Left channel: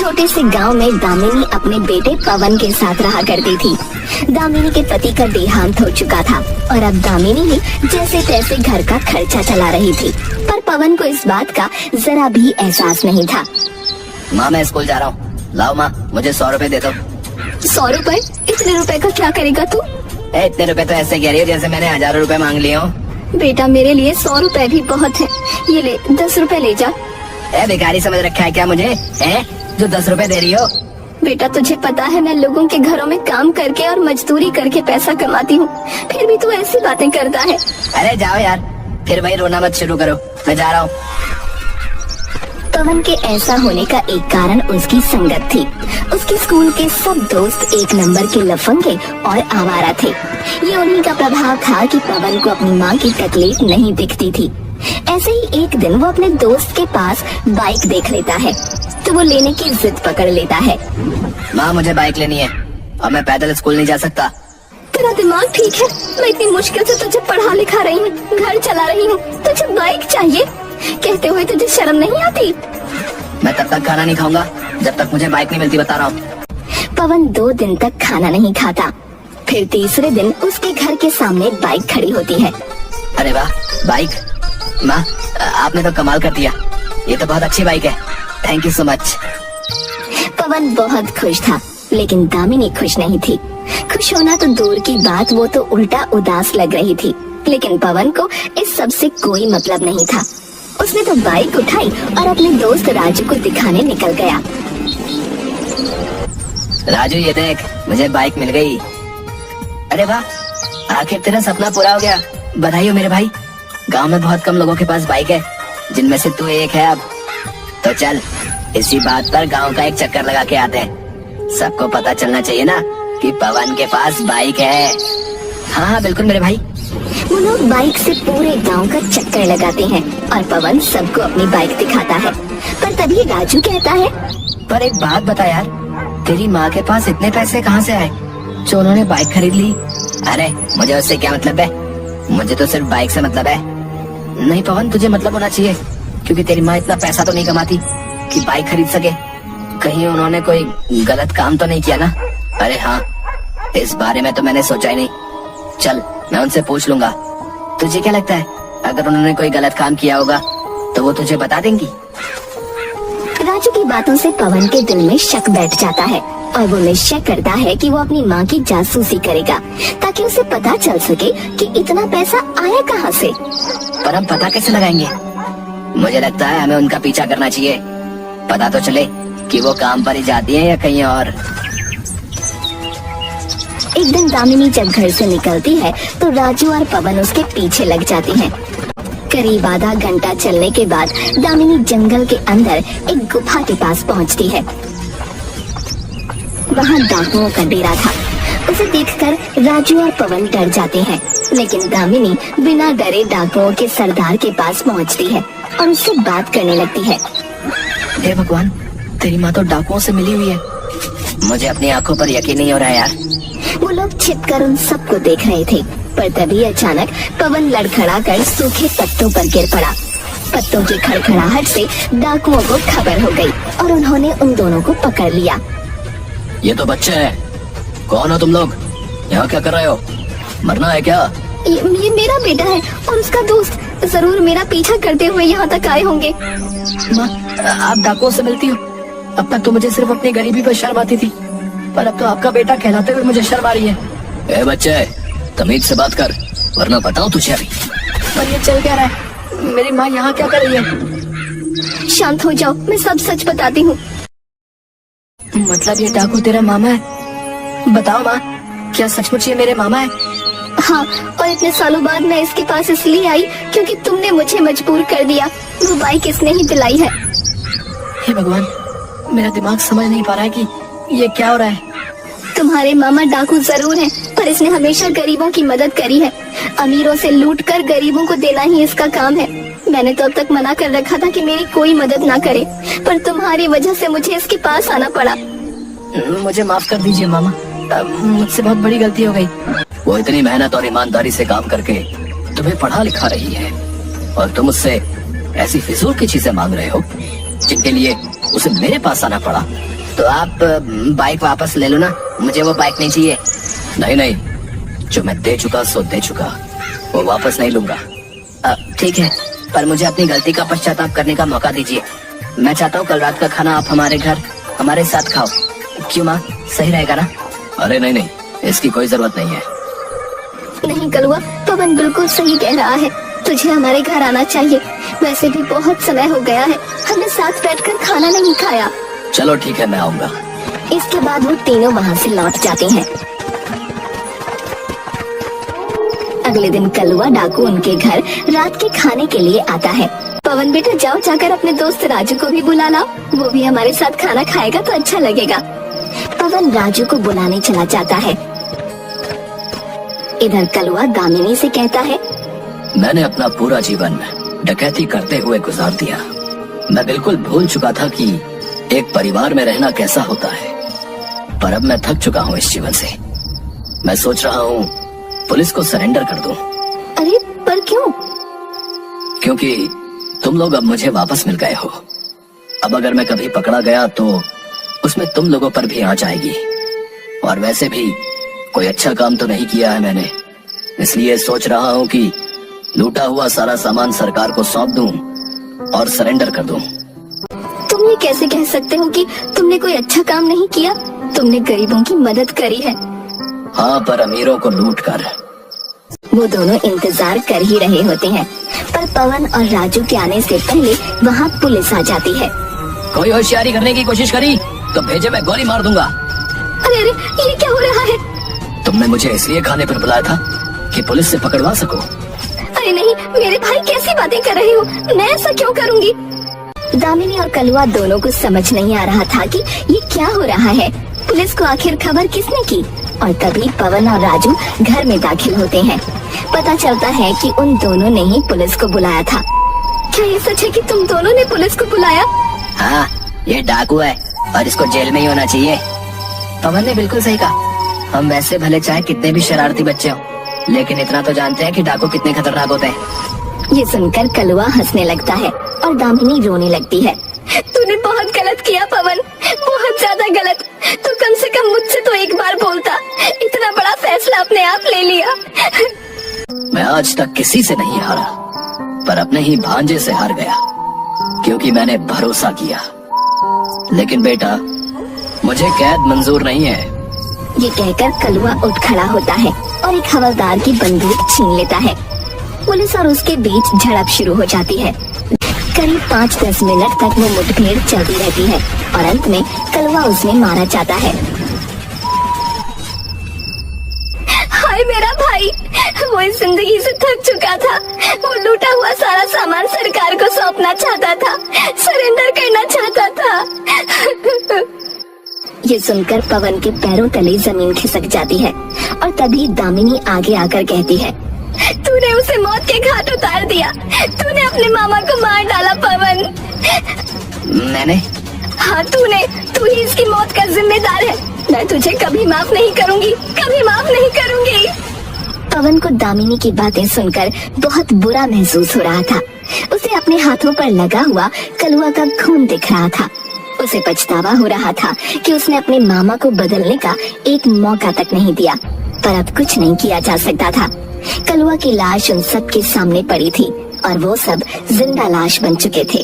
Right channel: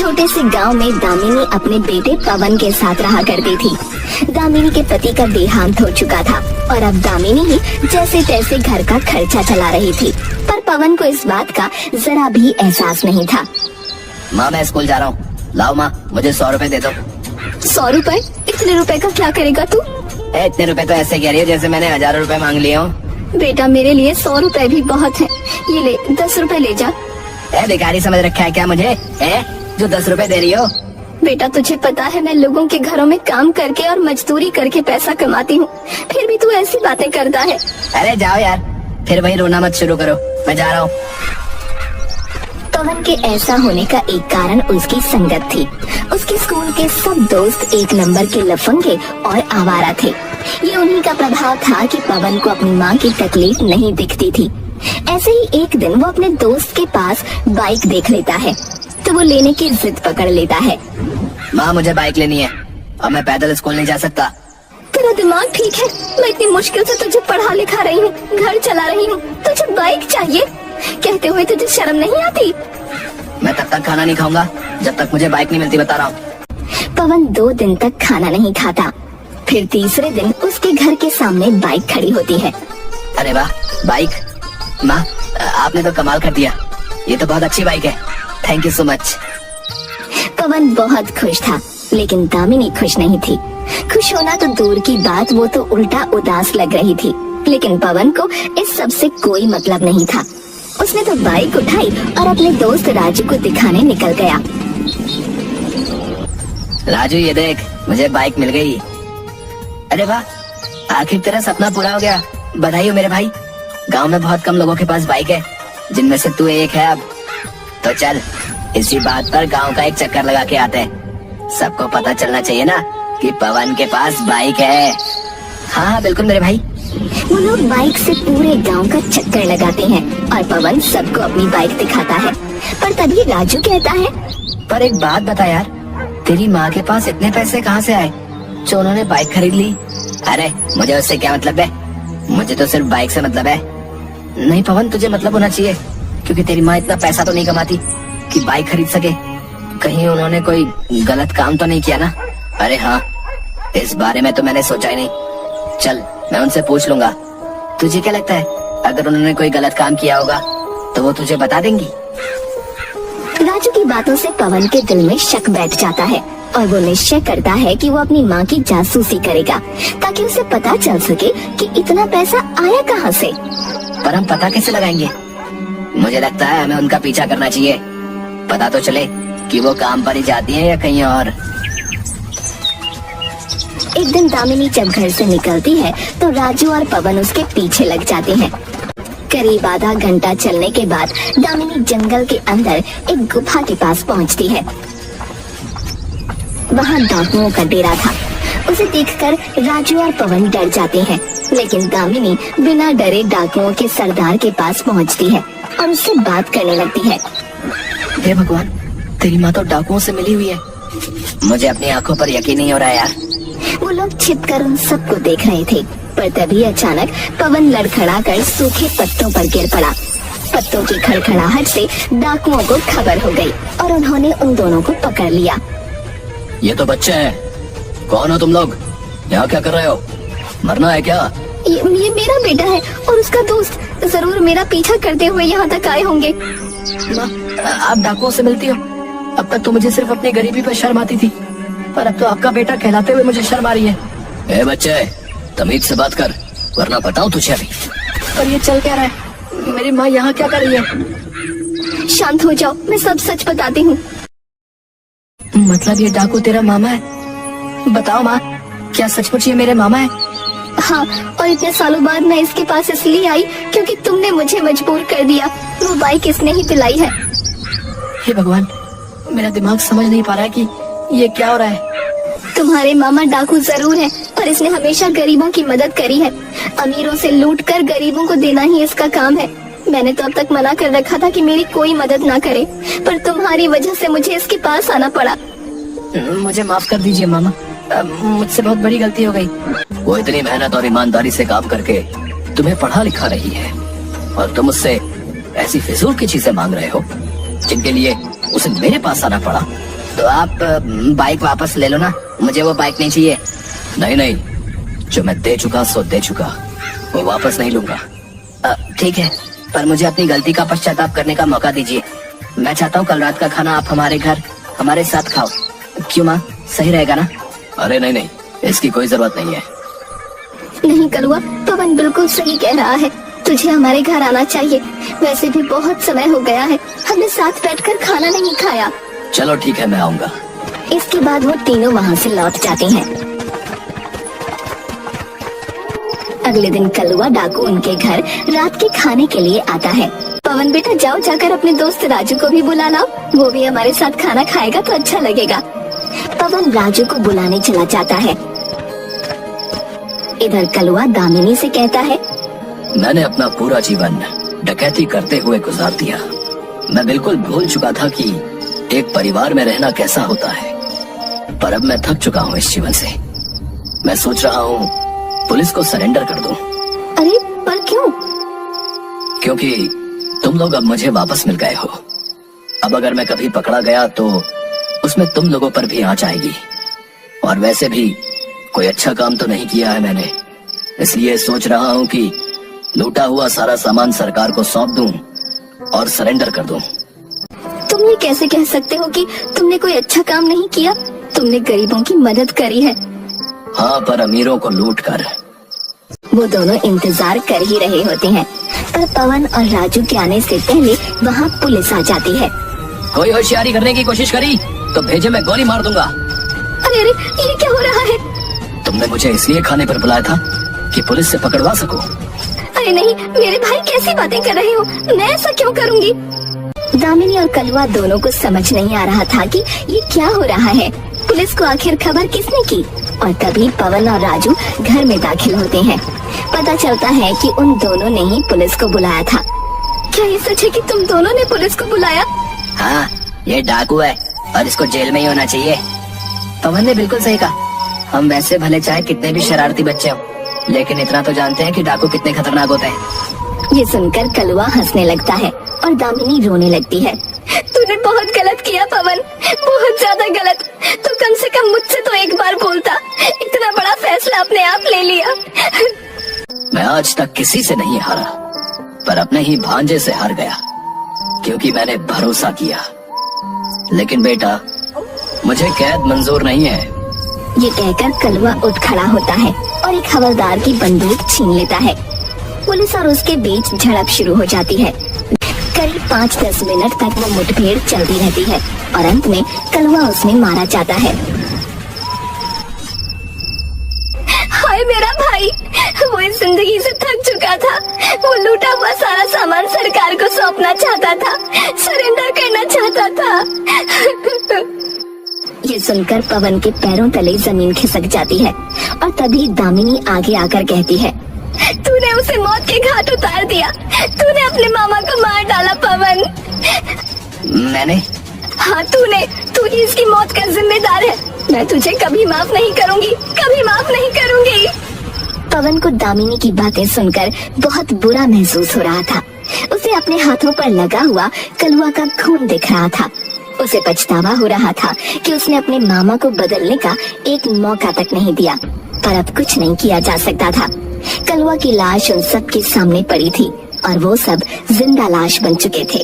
छोटे से गांव में दामिनी अपने बेटे पवन के साथ रहा करती थी। दामिनी के पति का देहांत हो चुका था और अब दामिनी ही जैसे तैसे घर का खर्चा चला रही थी, पर पवन को इस बात का जरा भी एहसास नहीं था। माँ मैं स्कूल जा रहा हूँ, लाओ माँ मुझे 100 रुपए दे दो। 100 रुपए? इतने रुपए को क्या करेगा तू? इतने रुपए तो ऐसे कह रही है जैसे मैंने 1000 रुपए मांग लिए हो। बेटा मेरे लिए 100 रुपए भी बहुत है, ये ले 10 रुपए ले जा। भिखारी समझ रखा है क्या मुझे, जो 10 रुपए दे रही हो? बेटा तुझे पता है मैं लोगों के घरों में काम करके और मजदूरी करके पैसा कमाती हूँ, फिर भी तू ऐसी बातें करता है। अरे जाओ यार, फिर वही रोना मत शुरू करो, मैं जा रहा हूँ। पवन के ऐसा होने का एक कारण उसकी संगत थी। उसके स्कूल के सब दोस्त एक नंबर के लफंगे और आवारा थे। ये उन्हीं का प्रभाव था कि पवन को अपनी माँ की तकलीफ नहीं दिखती थी। ऐसे ही एक दिन वो अपने दोस्त के पास बाइक देख लेता है तो वो लेने की जिद पकड़ लेता है। माँ मुझे बाइक लेनी है और मैं पैदल स्कूल नहीं जा सकता। तेरा दिमाग ठीक है? मैं इतनी मुश्किल से तुझे पढ़ा लिखा रही हूँ, घर चला रही हूँ, तुझे बाइक चाहिए? कहते हुए तुझे शर्म नहीं आती? मैं तब तक खाना नहीं खाऊंगा जब तक मुझे बाइक नहीं मिलती, बता रहा हूँ। पवन 2 दिन तक खाना नहीं खाता। फिर तीसरे दिन उसके घर के सामने बाइक खड़ी होती है। अरे वाह बाइक, माँ आपने तो कमाल कर दिया, ये तो बहुत अच्छी बाइक है, थैंक यू सो मच। पवन बहुत खुश था, लेकिन दामिनी खुश नहीं थी। खुश होना तो दूर की बात, वो तो उल्टा उदास लग रही थी। लेकिन पवन को इस सब से कोई मतलब नहीं था। उसने तो बाइक उठाई और अपने दोस्त राजू को दिखाने निकल गया। राजू ये देख, मुझे बाइक मिल गई। अरे वाह, आखिर तेरा सपना पूरा हो गया, बधाई हो मेरे भाई। गांव में बहुत कम लोगों के पास बाइक है, जिनमें से तू एक है। अब तो चल इसी बात पर गांव का एक चक्कर लगा के आते हैं। सबको पता चलना चाहिए ना कि पवन के पास बाइक है। हाँ बिल्कुल मेरे भाई। वो लोग बाइक से पूरे गांव का चक्कर लगाते हैं और पवन सबको अपनी बाइक दिखाता है। पर तभी राजू कहता है, पर एक बात बता यार, तेरी माँ के पास इतने पैसे कहाँ से आए जो उन्होंने बाइक खरीद ली? अरे मुझे उससे क्या मतलब है, मुझे तो सिर्फ बाइक से मतलब है। नहीं पवन, तुझे मतलब होना चाहिए, क्योंकि तेरी माँ इतना पैसा तो नहीं कमाती कि बाइक खरीद सके। कहीं उन्होंने कोई गलत काम तो नहीं किया ना? अरे हाँ, इस बारे में तो मैंने सोचा ही नहीं। चल मैं उनसे पूछ लूंगा। तुझे क्या लगता है, अगर उन्होंने कोई गलत काम किया होगा तो वो तुझे बता देंगी? राजू की बातों से पवन के दिल में शक बैठ जाता है और वो निश्चय करता है कि वो अपनी माँ की जासूसी करेगा, ताकि उसे पता चल सके कि इतना पैसा आया कहाँ से। पर हम पता कैसे लगाएंगे? मुझे लगता है हमें उनका पीछा करना चाहिए, पता तो चले कि वो काम पर ही जाती है या कहीं और। एक दिन दामिनी जब घर से निकलती है तो राजू और पवन उसके पीछे लग जाते हैं। करीब आधा घंटा चलने के बाद दामिनी जंगल के अंदर एक गुफा के पास पहुंचती है। वहां डाकुओं का डेरा था। उसे देखकर राजू और पवन डर जाते हैं, लेकिन दामिनी बिना डरे डाकुओं के सरदार के पास पहुंचती है और उससे बात करने लगती है। हे भगवान, तेरी माँ तो डाकुओं से मिली हुई है। मुझे अपनी आंखों पर यकीन नहीं हो रहा है यार। वो लोग छिपकर उन सबको देख रहे थे, पर तभी अचानक पवन लड़खड़ाकर सूखे पत्तों पर गिर पड़ा। पत्तों की खड़खड़ाहट से डाकुओं को खबर हो गई और उन्होंने उन दोनों को पकड़ लिया। ये तो बच्चा है, कौन हो तुम लोग? यहाँ क्या कर रहे हो? मरना है क्या? ये मेरा बेटा है और उसका दोस्त, जरूर मेरा पीछा करते हुए यहाँ तक आए होंगे। आप डाकुओं से मिलती हो? अब तक तो मुझे सिर्फ अपनी गरीबी पर शर्म आती थी, पर अब तो आपका बेटा कहलाते हुए मुझे शर्म आ रही है। ए बच्चे, तमीज से बात कर, वरना बताओ तुझे अभी। और ये चल क्या रहा है? मेरी माँ यहाँ क्या कर रही है? शांत हो जाओ, मैं सब सच बताती हूँ। मतलब ये डाकू तेरा मामा है? बताओ माँ, क्या सचमुच ये मेरे मामा है? हाँ, और इतने सालों बाद मैं इसके पास इसलिए आई क्योंकि तुमने मुझे मजबूर कर दिया। वो बाइक इसने ही दिलाई है। हे भगवान, मेरा दिमाग समझ नहीं पा रहा है कि ये क्या हो रहा है। तुम्हारे मामा डाकू जरूर हैं, पर इसने हमेशा गरीबों की मदद करी है। अमीरों से लूटकर गरीबों को देना ही इसका काम है। मैंने तो अब तक मना कर रखा था कि मेरी कोई मदद ना करे, पर तुम्हारी वजह से मुझे इसके पास आना पड़ा। मुझे माफ कर दीजिए मामा, मुझसे बहुत बड़ी गलती हो गई। वो इतनी मेहनत और ईमानदारी से काम करके तुम्हें पढ़ा लिखा रही है और तुम उससे ऐसी फिजूल की चीजें मांग रहे हो। जिनके लिए उसे मेरे पास आना पड़ा। तो आप बाइक वापस ले लो ना, मुझे वो बाइक नहीं चाहिए। नहीं नहीं, जो मैं दे चुका सो दे चुका, वो वापस नहीं लूंगा। ठीक है, पर मुझे अपनी गलती का पश्चाताप करने का मौका दीजिए। मैं चाहता हूँ कल रात का खाना आप हमारे घर हमारे साथ खाओ। क्यों माँ, सही रहेगा ना? अरे नहीं नहीं, इसकी कोई जरूरत नहीं है। नहीं कलुआ, पवन बिल्कुल सही कह रहा है, तुझे हमारे घर आना चाहिए। वैसे भी बहुत समय हो गया है, हमने साथ बैठकर खाना नहीं खाया। चलो ठीक है, मैं आऊंगा। इसके बाद वो तीनों वहाँ से लौट जाते हैं। अगले दिन कलुआ डाकू उनके घर रात के खाने के लिए आता है। पवन बेटा जाओ, जाकर अपने दोस्त राजू को भी बुला लाओ, वो भी हमारे साथ खाना खाएगा तो अच्छा लगेगा। पवन राजू को बुलाने चला जाता है। इधर कलुआ दामिनी से कहता है, मैंने अपना पूरा जीवन डकैती करते हुए गुजार दिया। मैं बिल्कुल भूल चुका था कि एक परिवार में रहना कैसा होता है, पर अब मैं थक चुका हूँ इस जीवन से। मैं सोच रहा हूँ पुलिस को सरेंडर कर दूं। अरे पर क्यों? क्योंकि तुम लोग अब मुझे वापस मिल गए हो। अब अगर मैं कभी पकड़ा गया तो उसमें तुम लोगों पर भी आंच आएगी। और वैसे भी कोई अच्छा काम तो नहीं किया है मैंने, इसलिए सोच रहा हूँ कि लूटा हुआ सारा सामान सरकार को सौंप दूं और सरेंडर कर दूं। तुमने कैसे कह सकते हो कि तुमने कोई अच्छा काम नहीं किया? तुमने गरीबों की मदद करी है। हाँ, पर अमीरों को लूट कर। वो दोनों इंतजार कर ही रहे होते हैं, पर पवन और राजू के आने से पहले वहाँ पुलिस आ जाती है। कोई होशियारी करने की कोशिश करी तो भेजे मैं गोली मार दूंगा। अरे अरे, ये क्या हो रहा है? तुमने मुझे इसलिए खाने पर बुलाया था कि पुलिस से पकड़वा सको। अरे नहीं, मेरे भाई कैसी बातें कर रहे हो? मैं ऐसा क्यों करूँगी? दामिनी और कलुआ दोनों को समझ नहीं आ रहा था कि ये क्या हो रहा है। पुलिस को आखिर खबर किसने की? और तभी पवन और राजू घर में दाखिल होते हैं। पता चलता है कि उन दोनों ने ही पुलिस को बुलाया था। क्या ये सच है कि तुम दोनों ने पुलिस को बुलाया? हाँ, ये डाकू है और इसको जेल में ही होना चाहिए। पवन ने बिल्कुल सही कहा। हम वैसे भले चाहे कितने भी शरारती बच्चे हो, लेकिन इतना तो जानते हैं कि डाकू कितने खतरनाक होते हैं। ये सुनकर कलुआ हंसने लगता है और दामिनी रोने लगती है। तूने बहुत गलत किया पवन, बहुत ज्यादा गलत। तो कम से कम मुझसे तो एक बार बोलता, इतना बड़ा फैसला अपने आप ले लिया। मैं आज तक किसी से नहीं हारा, पर अपने ही भांजे से हार गया, क्योंकि मैंने भरोसा किया। लेकिन बेटा, मुझे कैद मंजूर नहीं है। ये कहकर कलुआ उठ खड़ा होता है और एक हवलदार की बंदूक छीन लेता है। पुलिस और उसके बीच झड़प शुरू हो जाती है। करीब 5-10 मिनट तक वो मुठभेड़ चलती रहती है और अंत में कलुआ उसमें मारा जाता है। हाय मेरा भाई, वो इस जिंदगी से थक चुका था। वो लूटा हुआ सारा सामान सरकार को सौंपना चाहता था, सरेंडर करना चाहता था। ये सुनकर पवन के पैरों तले जमीन खिसक जाती है और तभी दामिनी आगे आकर कहती है, तूने उसे मौत के घाट उतार दिया। तूने अपने मामा को मार डाला पवन। मैंने? हाँ तूने, तू ही इसकी मौत का जिम्मेदार है। मैं तुझे कभी माफ नहीं करूंगी, कभी माफ नहीं करूंगी। पवन को दामिनी की बातें सुनकर बहुत बुरा महसूस हो रहा था। उसे अपने हाथों पर लगा हुआ कलुआ का खून दिख रहा था। उसे पछतावा हो रहा था कि उसने अपने मामा को बदलने का एक मौका तक नहीं दिया, पर अब कुछ नहीं किया जा सकता था। कलुआ की लाश उन सब के सामने पड़ी थी और वो सब जिंदा लाश बन चुके थे।